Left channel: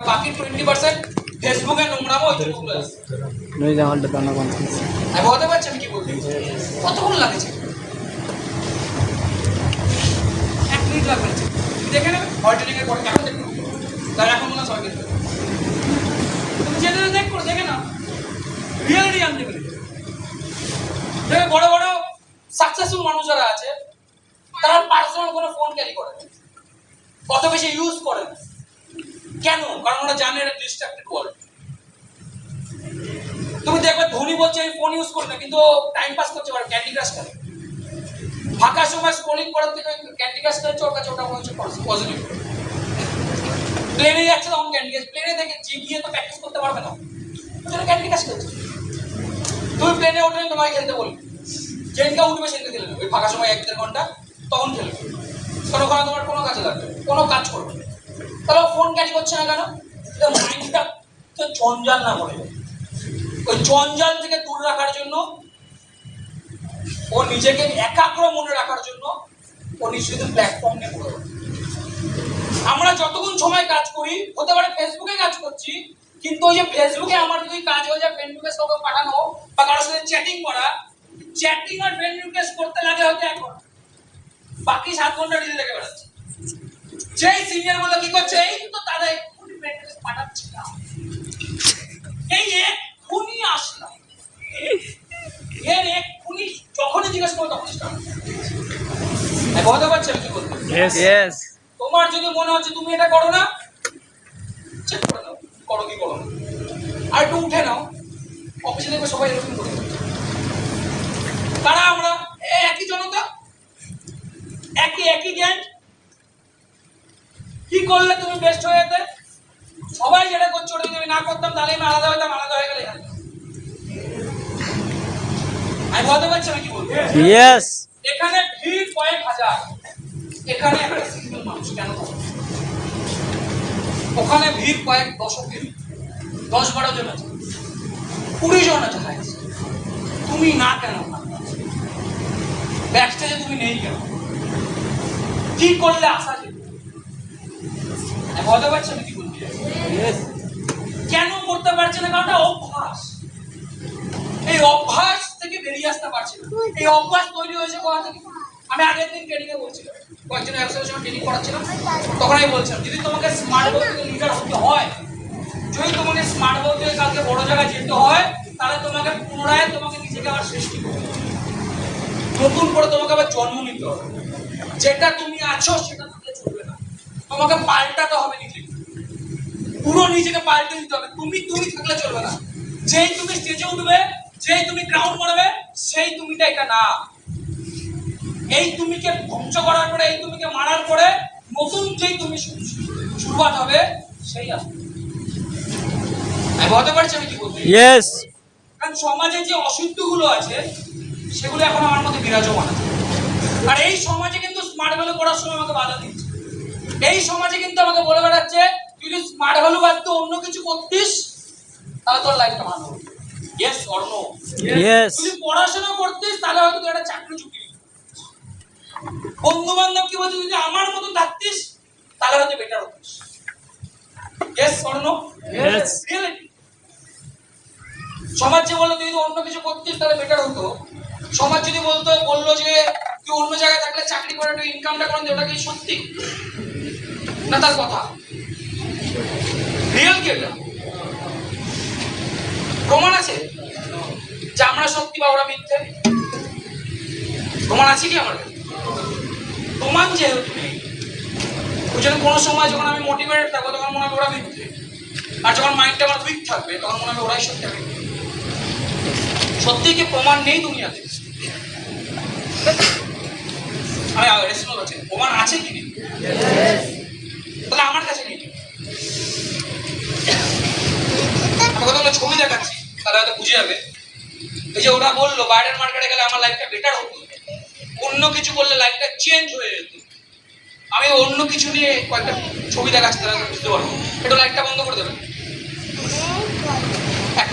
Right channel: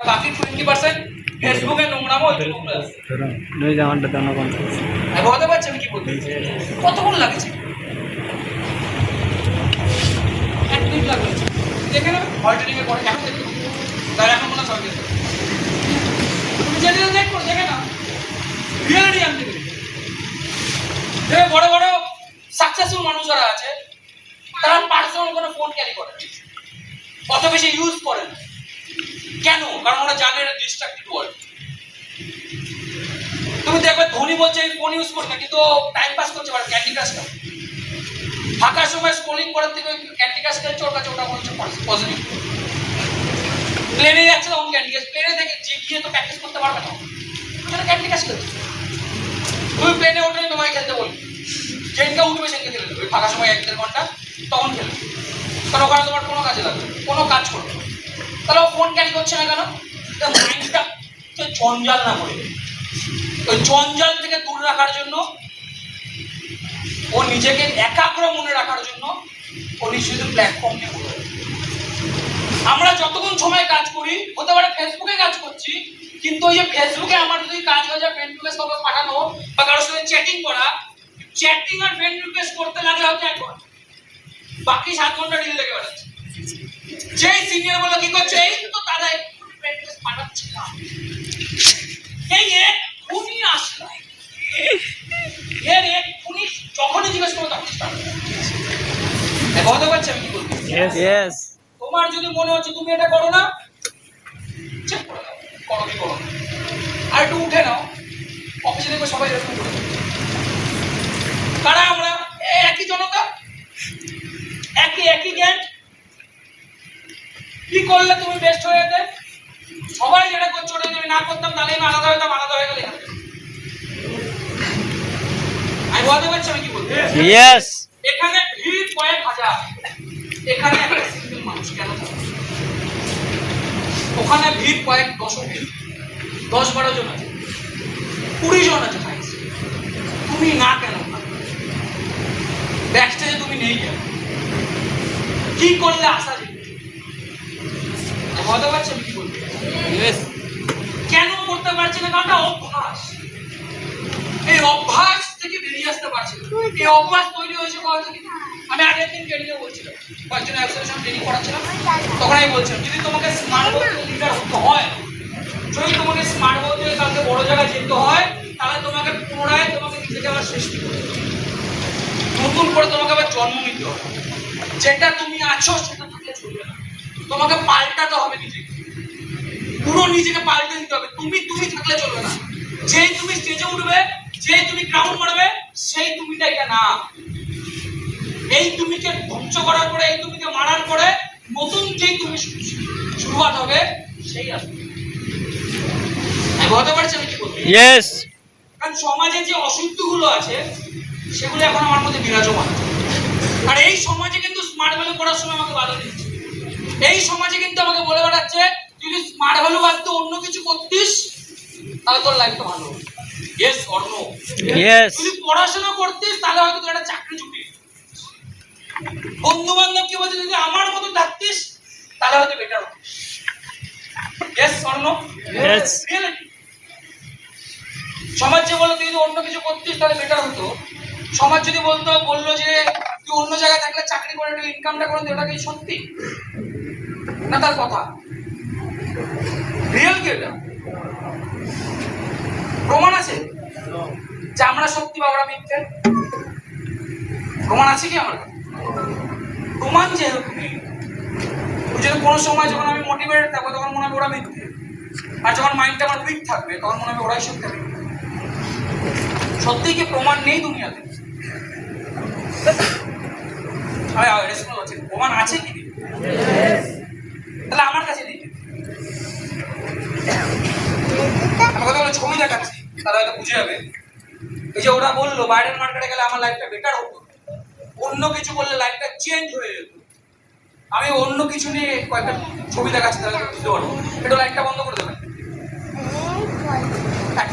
বাকি 20% ফেসবুকে নোংরামো ওই জন্য আসছে। নই জামাটা দাও না কোন আমি বলতে পারছি আমি কি বলতে কতক্ষণ লাগেছে 1 মিনিট লাগবে দেখে নেবে অল্টারনেটিং এর পরে কেমন দেখতে তার এখন মনে সব দেখতে তুমি যেটা দেখো দেখে না রিয়েলিটি আনতে পারি দেখে বড় বড় সাকসেসফুল মানুষ যারা আছে তারা পার্সোনাল কোনো ফোন ক্যারি করে কত বেশি ইউজ করে না কেন কারণ ওরা জানে এটা ডিস্ট্রাক্টেড ওয়ার্ল্ড তুমি দেখবে ধোনি বলছে এই ফোন ইউজ করে না কিন্তু টাইম পাস করছে আর ক্যান্ডি ক্রাশ করে ফাঁকা সময় স্ক্রলিং করার থেকে ক্যান্ডি ক্রাশ খেলছে ওর কাছে ওটা মনে হচ্ছে পজিটিভ প্লেনে যাচ্ছে তখন ক্যান্ডি ক্রাশ প্লেনে থেকে গিয়ে তো প্র্যাকটিস করতে পারবে না ওটা ক্যান্ডি ক্রাশ খেলছে তুমি প্লেনে ওঠে তোমায় খেলতে বলবে যেদিনকে উঠবে সেদিনকে খেলে নেবে ফাঁকা সময় 1-1.5 ঘন্টা তখন খেলবে কারণ ওখানে তোমার কোনো কাজে লাগবে কোনো কাজ করবে তাহলে ও ফোন ক্যারি করছে না কেন মাইন্ডটা জঞ্জাল না পড়ে ওই জঞ্জাল থেকে দূর রাখার জন্য ও নিজেকে একাগ্র মনে রাখার জন্য ও নিজেদের প্ল্যাটফর্ম নিয়ে বলে আমরা যতক্ষণ সময় কাজ করি হতে পারে ফেসবুকে কাজ করছি কিন্তু ওই যে ফেসবুকে আমার যদি কাজ হয়ে যায় ফ্রেন্ড রিকোয়েস্ট কাউকে পাঠানো বা কারোর সাথে চ্যাটিং করা চ্যাটিং আর ফ্রেন্ড রিকোয়েস্ট করতে লাগে হয়তো 1 ঘন্টা বাকি 7 ঘন্টা রিল দেখে বেড়াচ্ছে যেই সিনিয়র গুলো কি করছে এই তো তারা এক্ষুনি ফ্রেন্ড রিকোয়েস্ট পাঠাচ্ছে না এই এক্ষুনি আসলা এর এক্ষুনি যখনই জিজ্ঞেস করো তখন স্টার্ট বলতে পারছি আমি কি বলবো ইয়েস তোমার যদি মনে হচ্ছে তুমি এটা করো না চেক করে নাও করো কি করো আর একটু উঠে নাও অফিসে দেখবে সবাই এরকম করে কারা আমরা একই জনতা একই জ্ঞান কি করলে তুমি বেস্ট হয়ে যেতে সবাই যেটা করছো ওটা যদি না করতাম তাহলে আমি আলাদা হইতাম আলাদা হয়ে গেলে আমি বলতে পারছি আমি কি বলবো ইয়েস এখানে ভিড় কয়েক হাজার এখানে একটা সিঙ্গেল মানুষ কেন ওখানে ভিড় কয়েক দশক 10-12 জন আছে 20 জন আছে তুমি না কেন ব্যাকস্টেজে তুমি নেই কেন কি করলে আসা যাবে বলতে পারছি আমি কি বলবো কেন করতে পারছি না কারণ অভ্যাস এই অভ্যাস থেকে বেরিয়ে আসতে পারছি না এই অভ্যাস তৈরি হয়েছে কোথা থেকে আমি আগের দিন ট্রেনিংয়ে বলছিলাম কয়েকজন অ্যাসোসিয়েশন ট্রেনিং করাচ্ছিলাম তখন আমি বলছিলাম যদি তোমাকে স্মার্ট বোর্ড থেকে লিডার হতে হয় যদি তোমাকে স্মার্ট বোর্ড থেকে কালকে বড় জায়গায় যেতে হয় তাহলে তোমাকে পুনরায় তোমাকে নিজেকে আবার সৃষ্টি করতে হবে নতুন করে তোমাকে আবার জন্ম নিতে হবে যেটা তুমি আছো সেটা থাকলে চলবে না তোমাকে পাল্টাতে হবে নিজেকে পুরো নিজেকে পাল্টে দিতে হবে তুমি থাকলে চলবে না যেই তুমি স্টেজে উঠবে যেই তুমি গ্রাউন্ড মারবে সেই তুমিটা এটা না এই তুমিকে ধ্বংস করার পরে এই তুমিকে মারার পরে নতুন যেই তুমি শুরুয়াত হবে সেই আসবে আমি বলতে পারছি আমি কি বলবো ইয়েস কারণ সমাজে যে অশুদ্ধগুলো আছে সেগুলো এখন আমার মধ্যে বিরাজমান আর এই সমাজে কিন্তু স্মার্ট ভ্যালু করার সময় আমাকে বাধা দিচ্ছে এই সমাজে কিন্তু আমাকে বলে বেড়াচ্ছে তুই যদি স্মার্ট ভ্যালু বাদ দিয়ে অন্য কিছু করতিস তাহলে তোর লাইফটা ভালো হবে ইয়েস অর নো ইয়েস তুই পড়াশোনা করতিস তাহলে হয়তো তোর একটা চাকরি চুক্তি বন্ধু বান্ধব কি বলছে যদি আমার মতো থাকতিস তাহলে হয়তো বেটার হতো ইয়েস অর নো ইয়েস সমাজ যে বলে তুই যদি অন্য কিছু করতিস তাহলে বেটার হতো সমাজ যদি বললো যে তুই অন্য জায়গায় থাকলে চাকরি করে তুই ইনকামটা করে ওটা কি সত্যি না তার কথা রিয়েল কি এটা প্রমাণ আছে যে আমরা সত্যি বা ওরা মিথ্যে প্রমাণ আছে কি আমার প্রমাণ যে তুই যদি কোনো সময় যখন আমি মোটিভেটেড থাকবো তখন মনে হবে ওরা মিথ্যে আর যখন মাইন্ডটা আমার উইক থাকবে তখন মনে হবে ওরাই সত্যি হবে সত্যি কি প্রমাণ নেই দুনিয়াতে প্রমাণ আছে কি তাহলে আমার কাছে নেই আমি কথা বলে ছবি দেখাচ্ছি তাহলে হয়তো বুঝে যাবে এই যে ওরা বললো বাইরের মার্কেটে গেলে আমার লাইফটা বেটার হতো অন্য কিছু বললে লাইফটা চেঞ্জ হয়ে যেত আমি অন্য কিছু নিয়ে কয়েকটা ছবি দেখাচ্ছি তাহলে বুঝতে পারবো এটা লাইটটা বন্ধ করে দেবেন